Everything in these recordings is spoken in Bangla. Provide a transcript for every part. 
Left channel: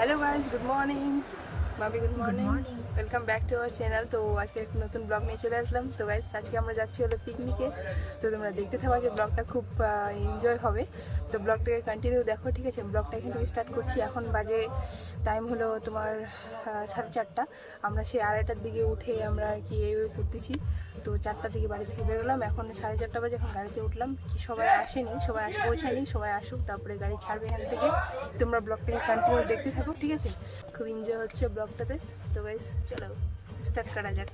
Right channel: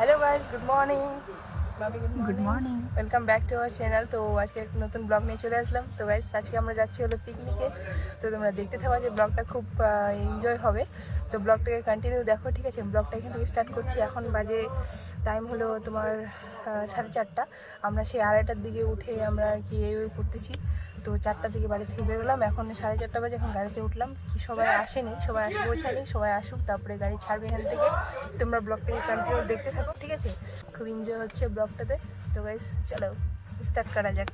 Hello guys, good morning. Good morning. Welcome back to our channel. তো আজকে একটা নতুন ব্লগ নিয়ে চলে আসলাম। তো গাইজ আজকে আমরা যাচ্ছি হলো পিকনিকে। তো তোমরা দেখতে থাকো, যে ব্লগটা খুব এনজয় হবে। তো ব্লগটাকে কন্টিনিউ দেখো, ঠিক আছে? ব্লগটা এখান থেকে স্টার্ট করছি। এখন বাজে টাইম হলো তোমার 4:30। আমরা সেই 2:30টার দিকে উঠে আমরা আর কি এই করতেছি। তো 4টার দিকে বাড়ি থেকে বেরোলাম, এখন 4:30 বাজে। এখন গাড়িতে উঠলাম, সবাই আসেনি, সবাই আসে পৌঁছায়নি, সবাই আসুক তারপরে গাড়ি ছাড়বে এখান থেকে। তোমরা ব্লগটাকে কন্টিনিউ দেখতে থাকো, ঠিক আছে? খুব এনজয় হচ্ছে ব্লগটাতে। তো গাইস চলো স্টার্ট করা যাক।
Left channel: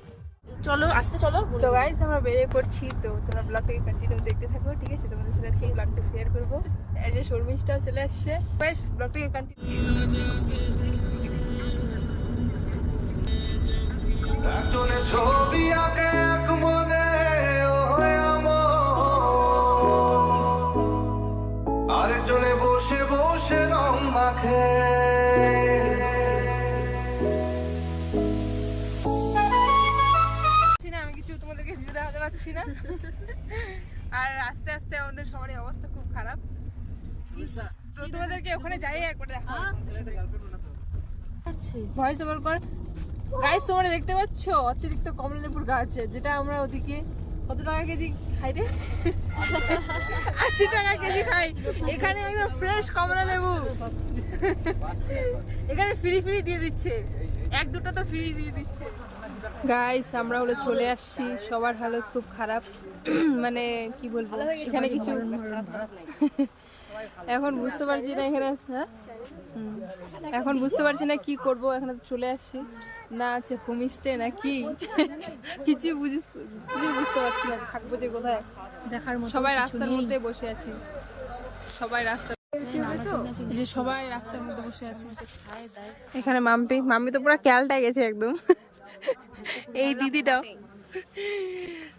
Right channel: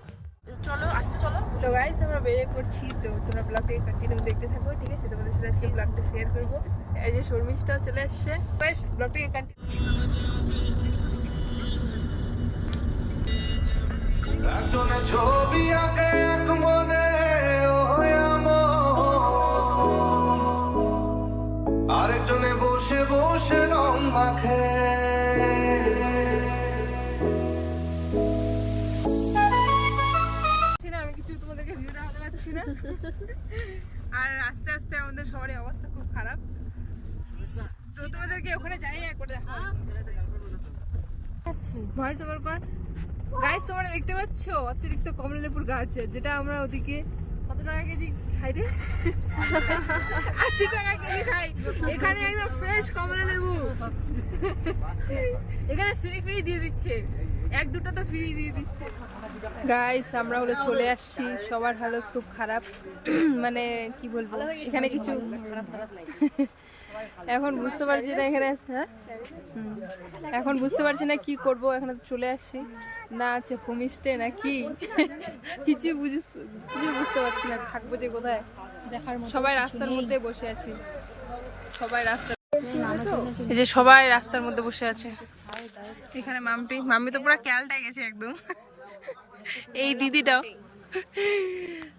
চলো আস্তে চলো। তো গাইস আমরা বেরিয়ে পড়ছি। তো তোমরা ব্লগটাকে কন্টিনিউ দেখতে থাকো, ঠিক আছে? তোমাদের সাথে আজকে ব্লগটা শেয়ার করবো। এই যে শর্মিষ্ঠাও চলে আসছে। গাইস ব্লগটাকে কন্টিনিউ। একজনে ছবি আঁকে এক মনে আরেকজনে বসে বসে রং মাখে। আমি কিছু তোমাদেরকে ভিউ দেখাতে পারছি না। আর আস্তে আস্তে আমাদের সবারই অবস্থা খুব খারাপ। তো তোমাদেরকে ওখানে যাই একবার দেখাবো। ভয়েস ওভার কর। গাইস তোমরা দেখতে পাচ্ছ অতিরিক্ত কমলালেবুর গাছ, যেটা আমরা ওদিকে কত টাকা কেজি খাই রে? 80 টাকা কেজি খাই। এখানে একদম ফ্রেশ কমলালেবু, এখানে ফ্রি ফ্রি দিয়ে দিচ্ছে, 1-2টা তো ফ্রি দিয়ে দিচ্ছে। গাইস আমরা হলো চলে আসছি, সবার হালত খুব খারাপ। মানে কি বলবো, এখানে কিছু এখন বুঝতে পারছি না এখানে। হ্যাঁ, এখন বুঝতে পারছি না কি করব। এখানে চলে আসছি, না আছে হোমস্টে না কি, কিছু বুঝতে পারছি না থাকবো যে কোথায়। সবাই রাস্তার মধ্যে বসে আছি, সবাই এই যে সবাই রাস্তার মধ্যে বসে আছে। এখানে মাম্পি তো পুরো ক্যালটা গেছে একদম। এই দিদিটাও।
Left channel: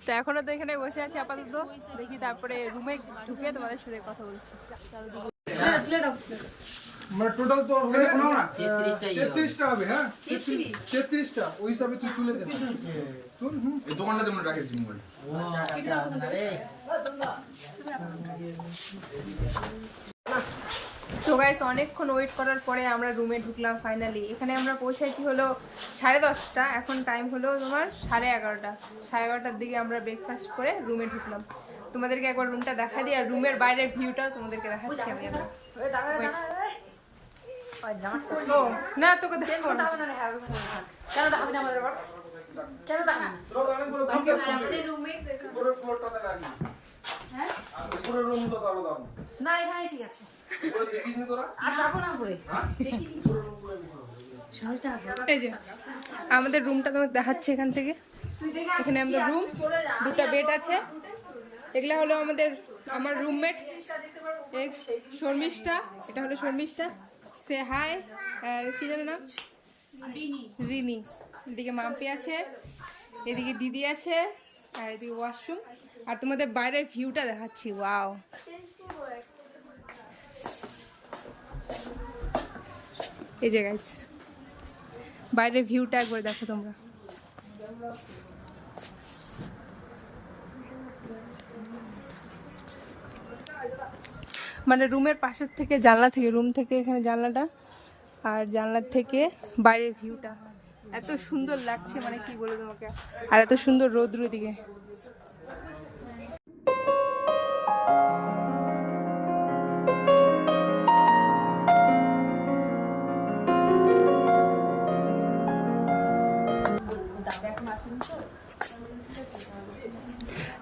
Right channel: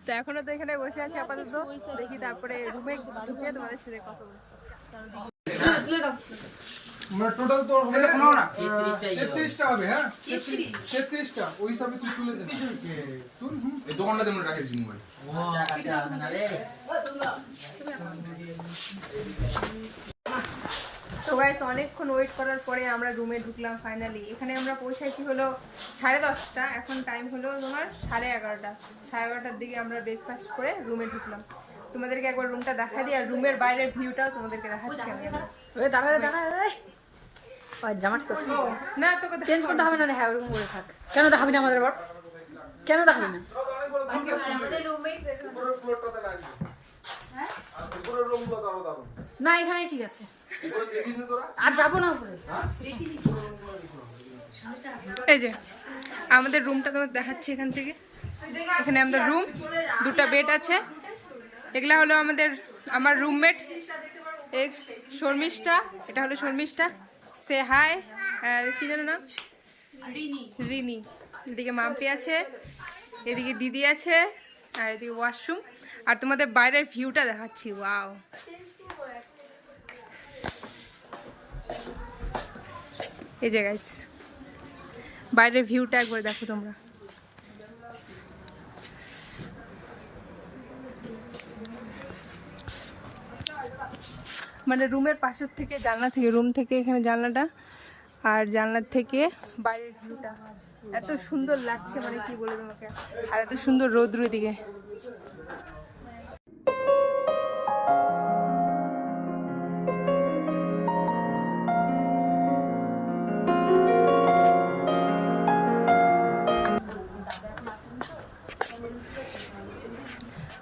তো এখনো তো এখানে বসে আছি আপাতত, দেখি তারপরে রুমে ঢুকে তোমাদের সাথে কথা বলছি। মানে টোটাল তো হবে না 33টা হবে। হ্যাঁ 33টা ওই হিসাবে তুই তুলে দে। তুই এই দোকানটাতে আমরা রাখেছি মোবাইল। তো গাইস অনেকক্ষণ ওয়েট করার পরে আমরা রুমে ঢুকলাম ফাইনালি। এখানে আমরা পৌঁছেছি হলো 10:30। এখন টাইম হলো তোমার 11:30। 11:30টার দিকে আমরা ব্রেকফাস্ট করে রুমে ঢুকলাম। তোমাদেরকে একবার রুমটা দেখা দিই, আর রুমের বাইরের ভিউটাও তোমাদেরকে দেখাচ্ছি আমি একবার। ও না, তোকে চেঞ্জ করতে হবে না। হ্যাঁ ওরকম করে থাক। কেন দেখাবি না আমাদের? কেন দেখাবি না? আমাদের রুমমেট না এখানে ঠিক আছে, আর যাবো না উপরে। এই যে আমাদের রুমটা তোমার দেখাচ্ছে এখান থেকে। এখানে আমাদের রুম, 2টা বেড আছে। এগুলা হলো আমার রুমমেট শর্মিষ্ঠা। এটা হলো শর্মিষ্ঠা, সে হাই। আর কি জানো না, রিনি। এদিকে মাম্পি আছে, এদিকে দিদি আছে, আর এদিকে ওয়াশরুম। আর তোমাদের বাইরের ভিউটা দেখাচ্ছি। ওয়াও, এই যে গাইস বাইরের ভিউটা একবার দেখো তোমরা। মানে রুমের পাশের থেকে, জানলা থেকে, রুম থেকে এখানে জানলাটা, আর জানলার থেকে বাইরের ভিউটা এত সুন্দর লাগছে, মানে কি বলবো তোমাকে। আর এত সুন্দর রোদ্র দিকে।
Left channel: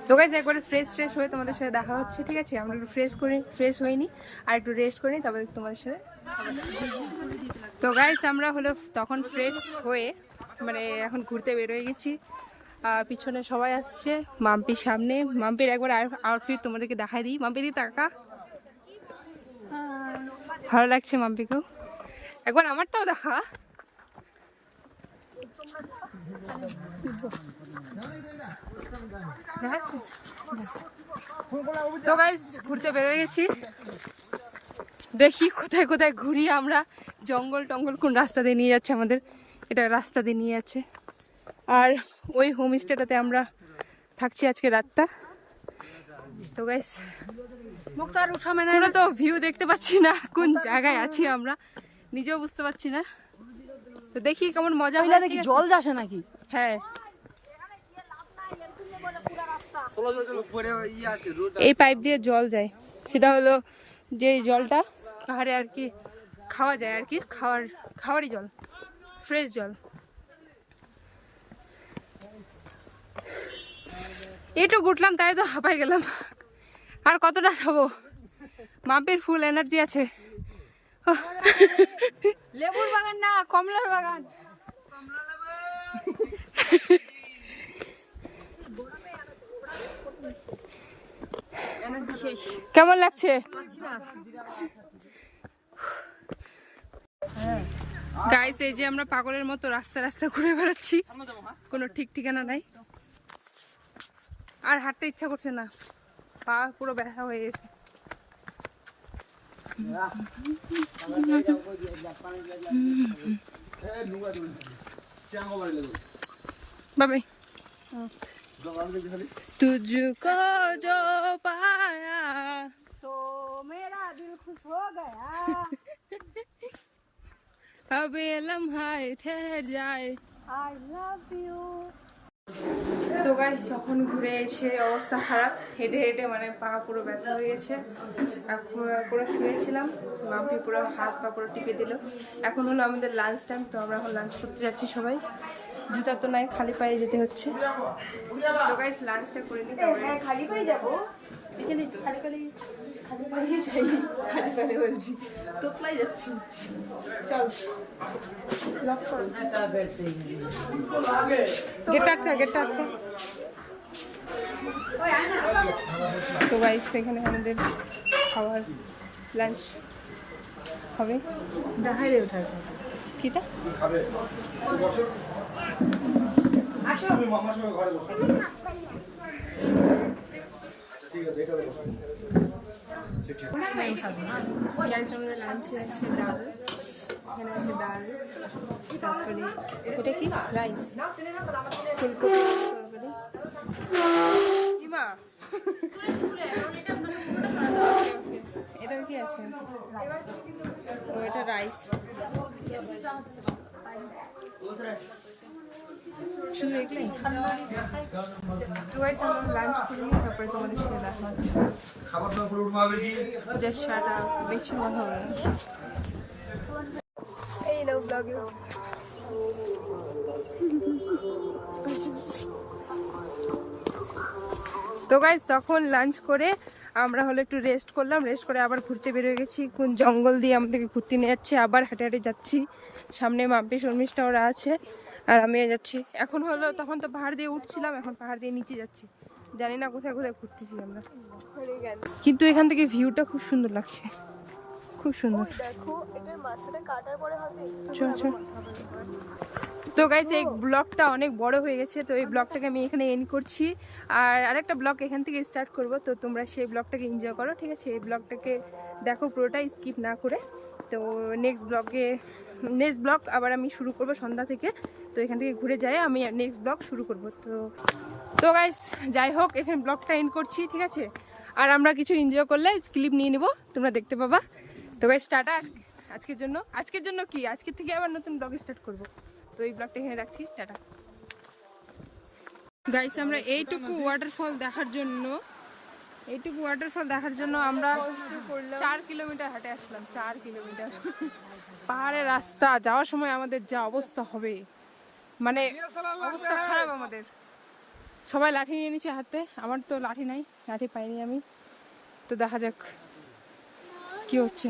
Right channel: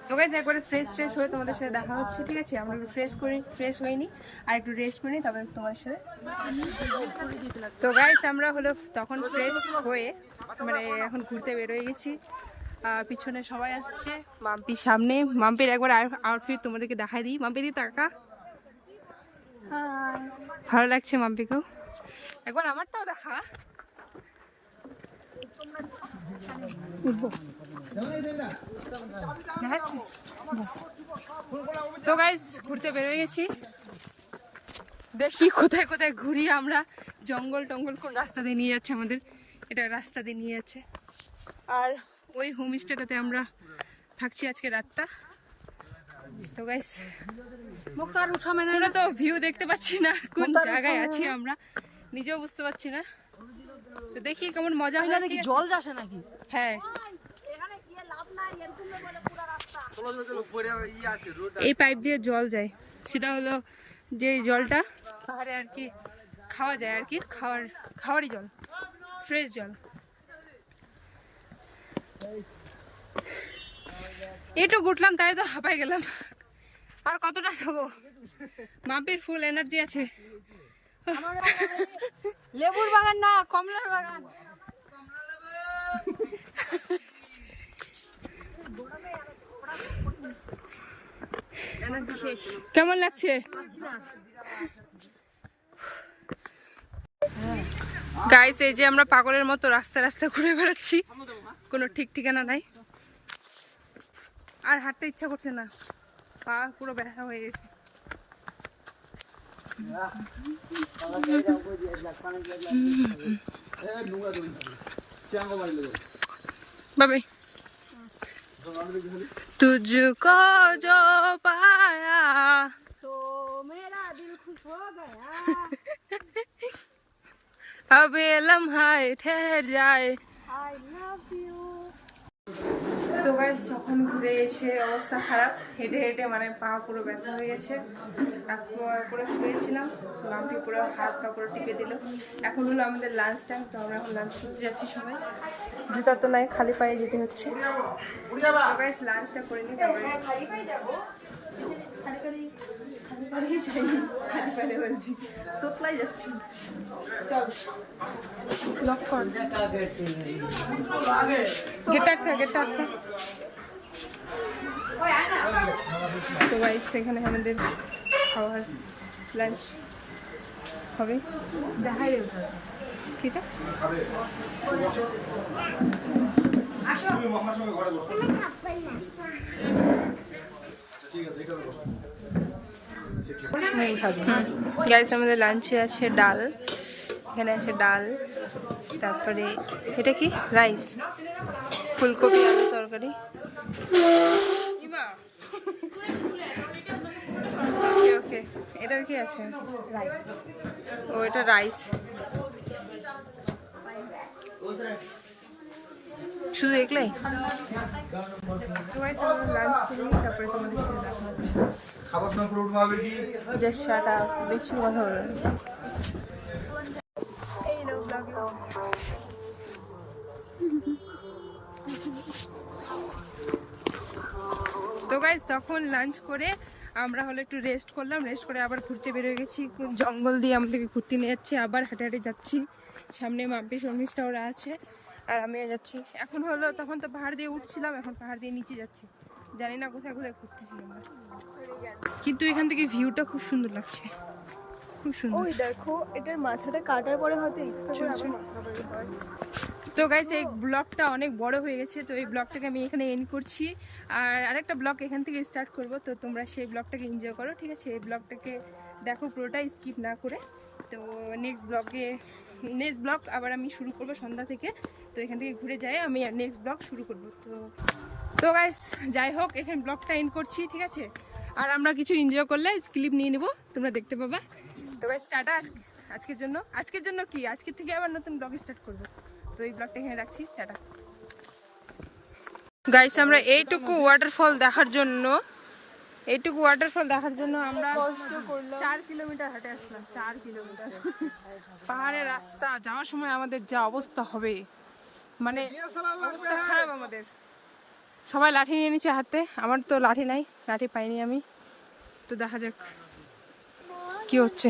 তো গাইস একবারে ফ্রেশ হয়ে তোমাদের সাথে দেখা হচ্ছে, ঠিক আছে? আমরা একটু ফ্রেশ হইনি, আর একটু রেস্ট করিনি, তারপরে তোমাদের সাথে। তো গাইস আমরা হলো তখন ফ্রেশ হয়ে মানে এখন ঘুরতে বেরোয় গেছি। পিছনে সবাই আসছে, মাম্পির সামনে। মাম্পির একবার আউটফিট তোমাদেরকে দেখাই দিই। মাম্পি দি টাকা, ভালো লাগছে মাম্পিকেও। একবার আমারটাও দেখা। তো গাইস ঘুরতে বেরোয় গেছি, দেখি কোথায় কোথায় ঘুরি আমরা। জঙ্গল টঙ্গল কোন রাস্তা দিয়ে নিয়ে যাচ্ছে আমাদের, এটা রাস্তা দিয়ে নিয়ে যাচ্ছে। আর ওই হোমস্টেটাতে আমরা থাকছি আজকে রাতটা। তো গাইস মুখ তো আর উঠা, মানে তো ভিউ দেখতে পাচ্ছি না কোন জায়গায় আছি আমরা। নিজেও বুঝতে পারছি না। তো দেখি কেমন মজা হয় নাকি। জল যাচ্ছে নাকি? হ্যাঁ, এই পাইপ দিয়ে জল যায়, সেটা হলো যে জলটা পাহাড়ে আর কি খাওয়া যায়, আর কি খাওয়ারই জল, ফ্রেশ জল। একটু ঘুরলাম তাই তো হাঁপাই গেলাম, আর কতটা খাবো। মাম্পির ফুল এনার্জি আছে। লেবুর বাগান না, কমলার বাগান। কেমন লাগছে? গাইস, এই যে আমরা পাগলের মতো রাস্তা রাস্তা ঘুরে বেড়াচ্ছি, কোনো ঠিক ঠিকানা নাই, আর হাঁটতে ইচ্ছা করছে না, পা পুরো ব্যথা হয়ে গেছে। बाबे तुझको जो पाया तो मेरा दिल खुश हो गया। अब ये लम्हा ठहर जाए। I love you. তো গাইস, তখন ঘুরে এসে অবস্থা খারাপ, হেঁটে হেঁটে মানে পা পুরো ব্যথা হয়ে গেছে, আর পুরো শুয়েছিলাম। মাম্পি পুরো হাত পা পুরো টিপে দিল। এখন হলো আমাদের লাঞ্চ টাইম, তো আমরা এখন লাঞ্চ করতে যাচ্ছি সবাই। জুতা তো নাই, খালি পায়ে যেতে হচ্ছে। তো গাইস, লাঞ্চটা করে নিই, তারপরে খালি পায়ে যাবো। এখানে খালি পায়ে যাইনি, খালি পায়ে বলছি, তোতলাই যাচ্ছি। চল, গেটটা আটকা। তো গাইস, এখানে আমাদের খাওয়ার লাঞ্চ হবে। দেখাই ওঠা কিটা গাইস, আমাদের লাঞ্চে আছে ডাল, এখানে আছে ডাল, তারপরে এটা কি রাইস, ফুলকপি আলু তরকারি। ওকে, এটা কি আছে? ও, এটা রাইস, শুধু এগুলাই। তো গাইস, আমরা লাঞ্চ করে নিই, তারপরে তোমাদের সাথে দেখা হচ্ছে। জাস্ট শাট আপ, বেশি কথা বলো না। এই নাও ব্লগ। তো গাইস, তখন লাঞ্চ করে আমরা হলো একটু রেস্ট করলাম, রেস্ট করে আবার ঘুরতে বেরিয়ে গেছি। কোন জঙ্গল দিয়ে আমাদেরকে ঘুরতে নিয়ে যাচ্ছে, আবার হাঁটে হাঁটে যাচ্ছি। সামনে মাম্পি শর্মিষ্ঠা ওরা আছে, আর আমি যাচ্ছি। এখন হলো, তখন তো পাহাড় দিয়ে উঠছিলাম, এখন পাহাড় দিয়ে নিচে যাচ্ছি। জানি না কোথায় কোথায় ঘুরতেছি আমরা, কিন্তু এখান থেকে ভিউটা খুব সুন্দর লাগছে, খুব সুন্দর। দেখো, এটার মাথাটা কাটার পরে হতে চল। তো গাইস, এই ব্লগটা অনেক বড় হয়ে গেছে, তো এই ব্লগটাকে আমি এখানে এন্ড করছি। আর আরেকটা ব্লগ এখান থেকে স্টার্ট করব, তো তোমরা সেই ব্লগটাকে এনজয় করো, ঠিক আছে? এই ব্লগটাকে দেখো পুরোটাই, স্কিপ না করে। তো নেক্সট ব্লগ আবার আমি শুরু করব সন্ধ্যা থেকে। তো এখান থেকে ঘুরে যাই, আমি নেক্সট ব্লগ শুরু করব। তো গাইস, যাই হোক, এখানে ব্লগটা এন্ড করছি, ঠিক আছে? আর আমরা কিছু এনজয় করলে ক্লিপ নিয়ে নেবো, তোমরা দেখতে পাবা। তো গাইস, টাটা আজকের জন্য কি, আজকের থেকে আবার নতুন ব্লগ স্টার্ট করব। তো এই ব্লগটা এখানে রাখছি, টাটা। গাইস, আমরা এইটুকু ওয়াটারফল দেখার জন্য আমরা 4 কিলোমিটার হাঁটে আসলাম, 4 কিলোমিটার। পাহাড়ের রাস্তা যাওয়ার সময় আমাদের যা অবস্থা হবে, মানে অবস্থা খারাপ আমাদের। সবাই লাঠি নিয়ে নিচ্ছে হাতে, আমার তো লাঠি নাই, লাঠি পাইনি আমি। তো দেখা যাক কি হচ্ছে,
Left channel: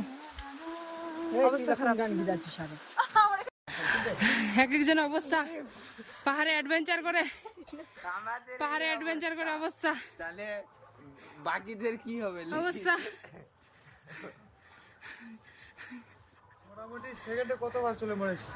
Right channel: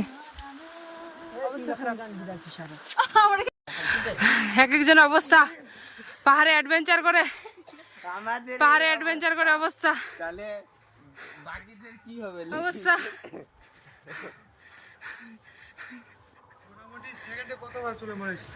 অবস্থা খারাপ। এক একজন অবস্থা, পাহাড়ে অ্যাডভেঞ্চার করে অবস্থা, তাহলে বাকিদের কি হবে অবস্থা। মোটামুটি সেকেন্ডে কতবার চলে মরেছি।